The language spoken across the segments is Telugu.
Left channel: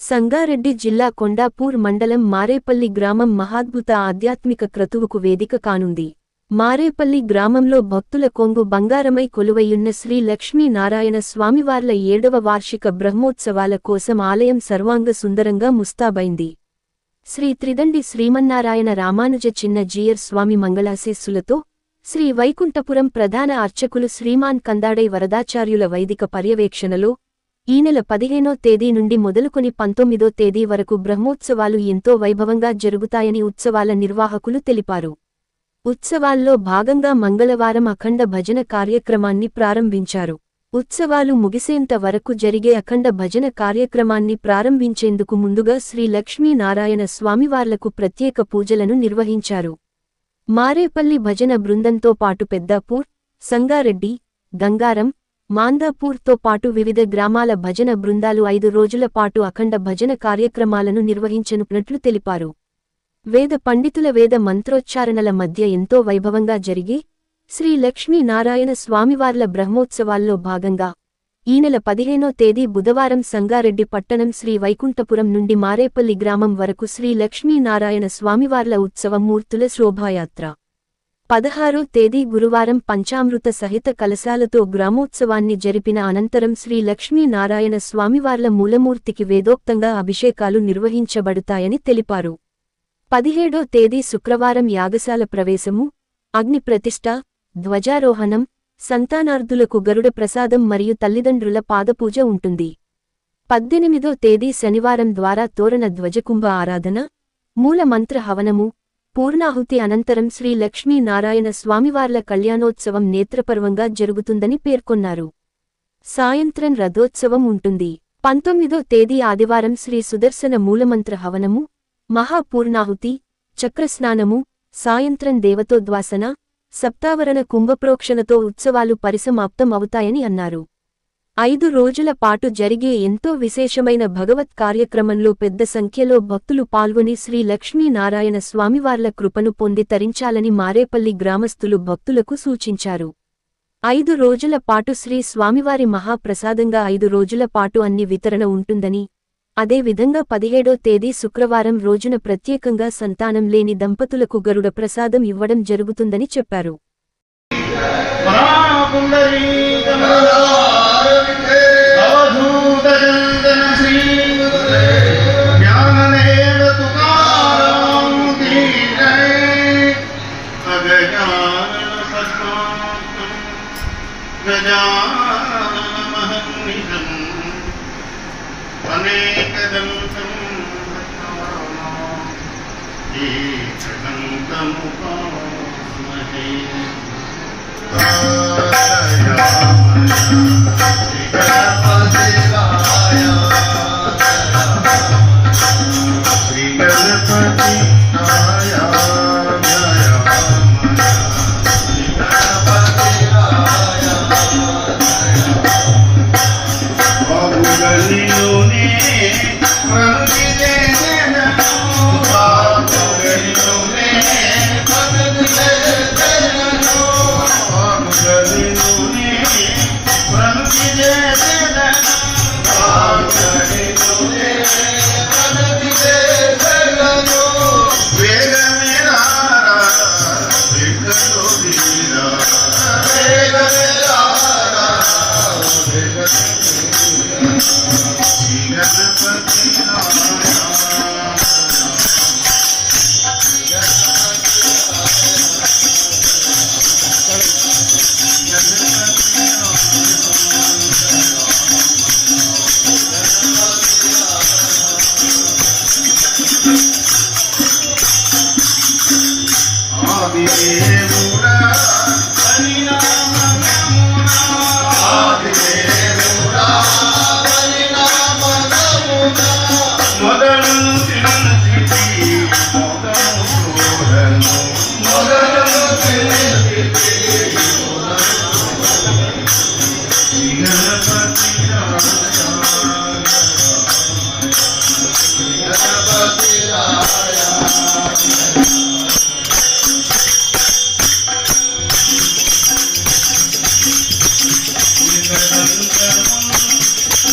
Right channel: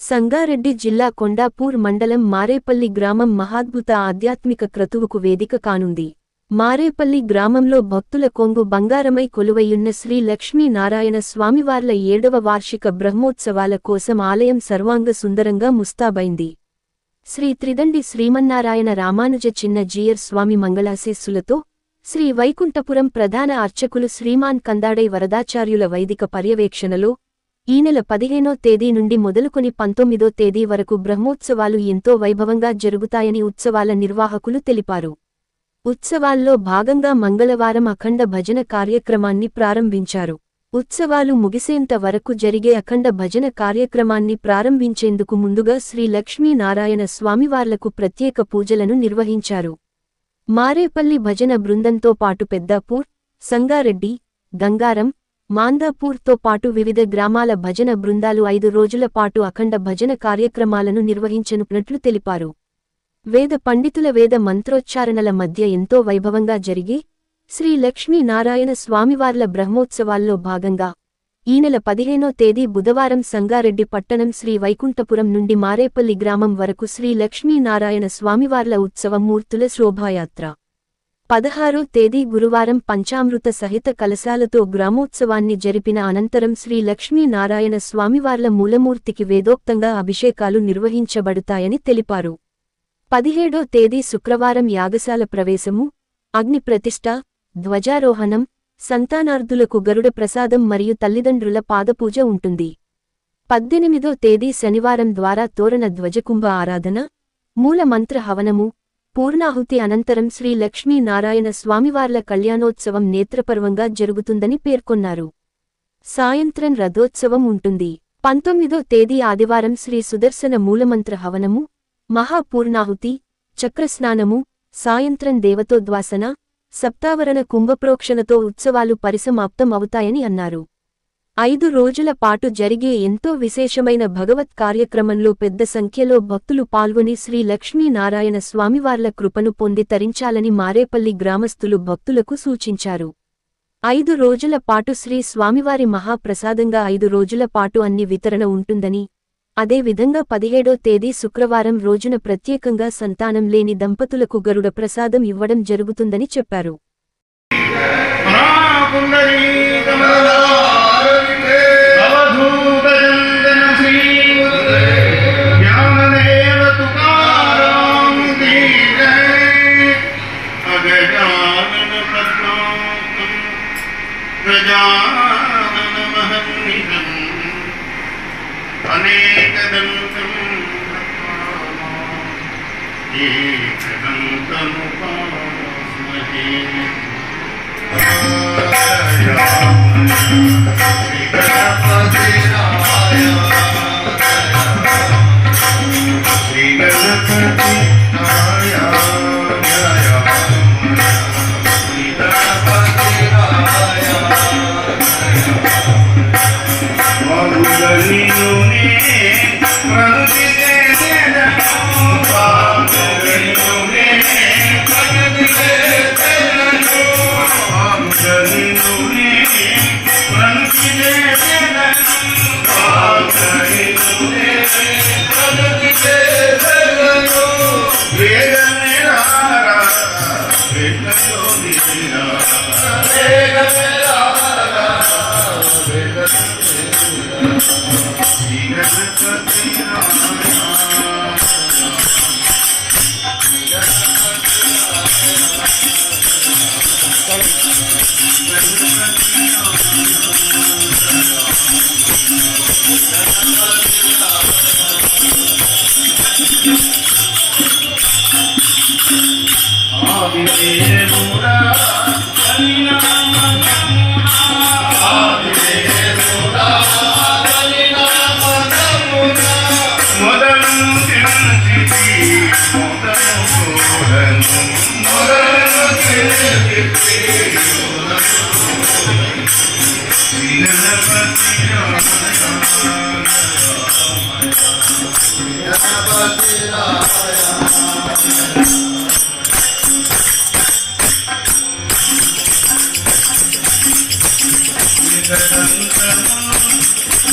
సంగారెడ్డి జిల్లా కొండాపూర్ మండలం మారేపల్లి గ్రామం మహాద్భుత ఆధ్యాత్మిక క్రతువుకు వేదిక కానుంది. మారేపల్లి గ్రామంలో భక్తుల కొంగు బంగారమై కొలువయ్యున్న శ్రీ లక్ష్మీనారాయణ స్వామివార్ల 7వ వార్షిక బ్రహ్మోత్సవాల కోసం ఆలయం సర్వాంగ సుందరంగా ముస్తాబైంది. శ్రీ త్రిదండి శ్రీమన్నారాయణ రామానుజ చిన్న జీయర్ స్వామి మంగళాశీస్సులతో శ్రీ వైకుంఠపురం ప్రధాన అర్చకులు శ్రీమాన్ కందాడై వరదాచార్యుల వైదిక పర్యవేక్షణలో ఈ నెల 15వ తేదీ నుండి మొదలుకొని 19వ తేదీ వరకు బ్రహ్మోత్సవాలు ఎంతో వైభవంగా జరుగుతాయని ఉత్సవాల నిర్వాహకులు తెలిపారు. ఉత్సవాల్లో భాగంగా మంగళవారం అఖండ భజన కార్యక్రమాన్ని ప్రారంభించారు. ఉత్సవాలు ముగిసేంత వరకు జరిగే అఖండ భజన కార్యక్రమాన్ని ప్రారంభించేందుకు ముందుగా శ్రీ లక్ష్మీనారాయణ స్వామివార్లకు ప్రత్యేక పూజలను నిర్వహించారు. మారేపల్లి భజన బృందంతో పాటు పెద్దాపూర్, సంగారెడ్డి, గంగారం, మాందాపూర్తో పాటు వివిధ గ్రామాల భజన బృందాలు 5 రోజుల పాటు అఖండ భజన కార్యక్రమాలను నిర్వహించనున్నట్లు తెలిపారు. వేద పండితుల వేద మంత్రోచ్చారణల మధ్య ఎంతో వైభవంగా జరిగి శ్రీ లక్ష్మీనారాయణ స్వామివార్ల బ్రహ్మోత్సవాల్లో భాగంగా ఈ నెల 15వ తేదీ బుధవారం సంగారెడ్డి పట్టణం శ్రీ వైకుంఠపురం నుండి మారేపల్లి గ్రామం వరకు శ్రీ లక్ష్మీనారాయణ స్వామివార్ల ఉత్సవ మూర్తుల శోభాయాత్ర, 16వ తేదీ గురువారం పంచామృత సహిత కలశాలతో గ్రామోత్సవాన్ని జరిపిన అనంతరం శ్రీ లక్ష్మీనారాయణ స్వామివార్ల మూలమూర్తికి వేదోక్తంగా అభిషేకాలు నిర్వహించబడుతాయని తెలిపారు. 17వ తేదీ శుక్రవారం యాగశాల ప్రవేశము, అగ్ని ప్రతిష్ఠ, ధ్వజారోహణం, సంతానార్థులకు గరుడ ప్రసాదం మరియు తల్లిదండ్రుల పాదపూజ ఉంటుంది. 18వ తేదీ శనివారం ద్వారా తోరణ ధ్వజకుంభ ఆరాధన, మూల మంత్ర హవనము, పూర్ణాహుతి అనంతరం శ్రీ లక్ష్మీనారాయణ స్వామివార్ల కళ్యాణోత్సవం నేత్రపర్వంగా జరుగుతుందని పేర్కొన్నారు. సాయంత్రం రథోత్సవం ఉంటుంది. 19వ తేదీ ఆదివారం శ్రీ సుదర్శన మూలమంత్ర హవనము, మహాపూర్ణాహుతి, చక్రస్నానము, సాయంత్రం దేవతోద్వాసన, సప్తావరణ కుంభప్రోక్షణతో ఉత్సవాలు పరిసమాప్తం అవుతాయని అన్నారు. 5 రోజుల పాటు జరిగే ఎంతో విశేషమైన భగవత్ కార్యక్రమంలో పెద్ద సంఖ్యలో భక్తులు పాల్గొని శ్రీ లక్ష్మీనారాయణ స్వామివార్ల కృపను పొంది తరించాలని మారేపల్లి గ్రామస్తులు భక్తులకు సూచించారు. 5 రోజుల పాటు శ్రీ స్వామివారి మహాప్రసాదంగా 5 రోజుల పాటు అన్ని వితరణ ఉంటుందని, అదేవిధంగా 17వ తేదీ శుక్రవారం రోజున ప్రత్యేకంగా సంతానం లేని దంపతులకు గరుడ ప్రసాదం ఇవ్వడం జరుగుతుందని చెప్పారు.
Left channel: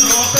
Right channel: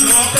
లోక